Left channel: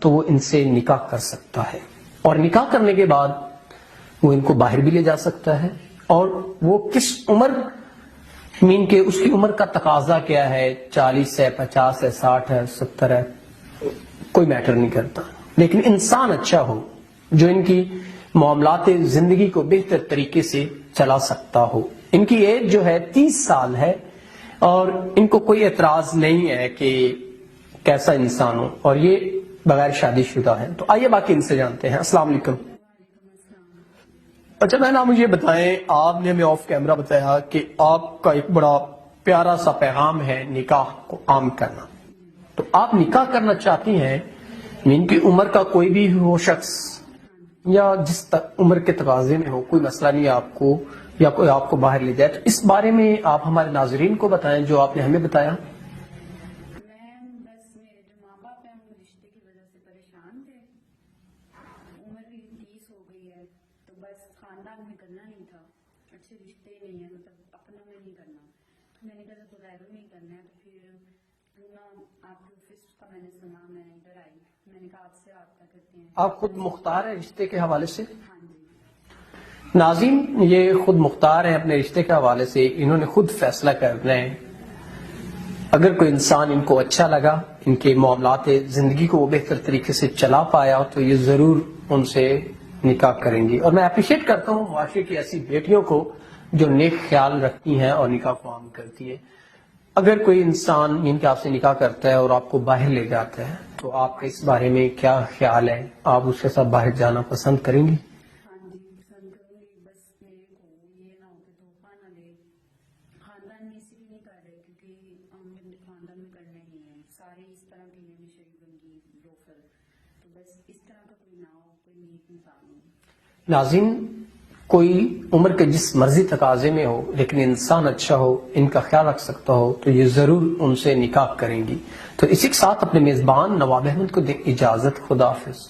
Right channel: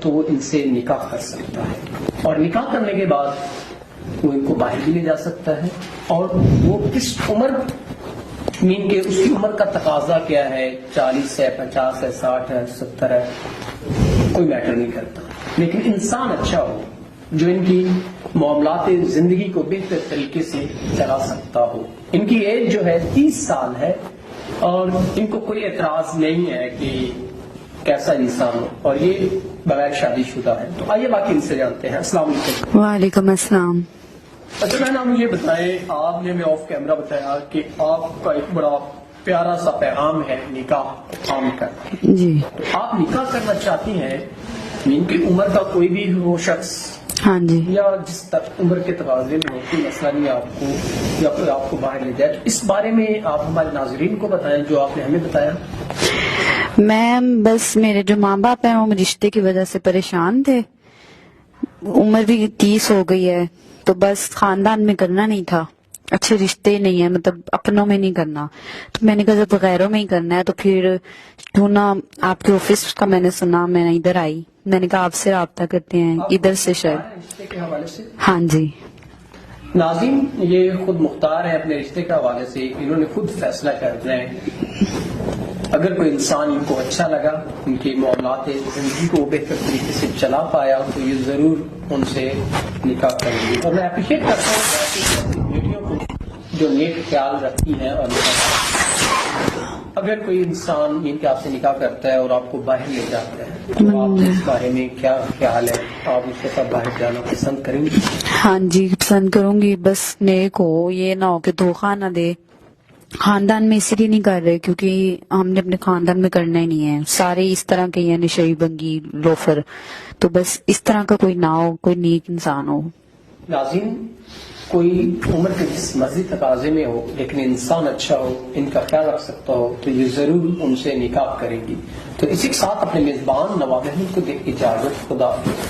تو وہ ان سے نکاح کر سکتا ہے، اور نکاح کرنے کے بعد وہ ان کو باہر بھی لے جا سکتا ہے، اور وہ کس عمر مین کے اس کی عمر کا تقاضا کیا ہے، 40 ہے، 50 ہے، 60 ہے، 70 ہے، کوئی میٹر نہیں کرتا، لیکن انسان اچھا ہو جو ان کی معاملات زندگی کو بہتر طریقے سے چلا سکتا ہو۔ ان کی ایج جو ہے 30 سال ہے، اور ان کو کوئی اعتراض نہیں ہے کہ کیسا انسان ہو، اور یہ بغیر شادی شدہ ہے۔ تو آئیے باقی ان سے جانتے ہیں۔ السلام علیکم۔ وعلیکم السلام۔ اچھا میں نام مجھے بتائیں، آپ نے ہمیں آف کیمرہ بتایا کہ آپ کا ایک بڑا پیارا سا پیغام ہے نکاح عام کرنا، جی تو آپ نکاح کرنا چاہتی ہیں، ان کی عمر کا کوئی بھی وہ شخص ہاں جی، یا جس عمر کے تقاضے میں ہو، کوئی مسئلہ نہیں آپ کو، یا کوئی آپ کو باہر لے جائے، تو اس بارے میں آپ ہمارے ناظرین کو بتائیں جو آپ نے ہمیں بتایا۔ میں بس میرے جو ماں باپ ہیں وہ رشتے کی وجہ سے پریشان تھے، عمر بھی 30 ہو گئی ہے، تو بس خاندان میں کرنا نہیں تھا، اچھے رشتے نہیں ہیں، مطلب اپنوں میں نہیں کرنا، تو میں نے کہا جب غیروں میں ہی کرنا ہے تو پھر کیوں نہ آپ کے آفس کا میں نے سنا، میں نے ادھر آئی، میں نے کہا آپ سے رابطہ کرتے ہیں آپ ادھر خود سے مختار شاید۔ ہیں رشتے کے حوالے سے؟ ہاں جی، ناظرین یہ خود مختار ہیں اپنے رشتے کے حوالے سے، انہوں نے خود فیصلہ کر رہے ہیں، اگر کوئی انسان ان کو اچھا لگا، ان کے معاملات زندگی کو وہ بہتر طریقے سے چلا پایا تو یہ ضرور ان سے نکاح کریں گے، اور میں اپریشیٹ کرتا ہوں واقعی کی ایسی بیٹیوں کو جو نیک خیال رکھتی ہیں اور نکاح کرتی ہیں۔ اگر کوئی انسان ان کے آپ سے نکاح کرتا ہے اور آپ کو باہر لے جاتا ہے تو آپ کے اس بارے میں کیا خیال ہے؟ آپ اس کے ساتھ باہر جانا پسند کریں گے؟ ہاں جی پسند کروں گی، بس نیک ہو، یہ نہ ہو کہ دھوکہ نہ دے۔ خاندان میں اسی لیے نہیں کر رہے کیونکہ ہم نے اپنے خاندان میں کرنا ہی نہیں ہے، سارے اس طرح کے ہیں، نشئی بنگی لوفر، تو بس اس طرح کا کوئی نہ ہو، کوئی نیک انسان ہو۔ ناظرین کوئی عمر کے جس مرضی تقاضے میں ہو لیکن انسان اچھا ہو، ان کا خیال رکھ سکتا ہو، تو یہ ضرور ان سے نکاح کریں گی۔ تو اسی کے ساتھ اپنے میزبان نواب احمد کو دے اجازت، خدا حافظ۔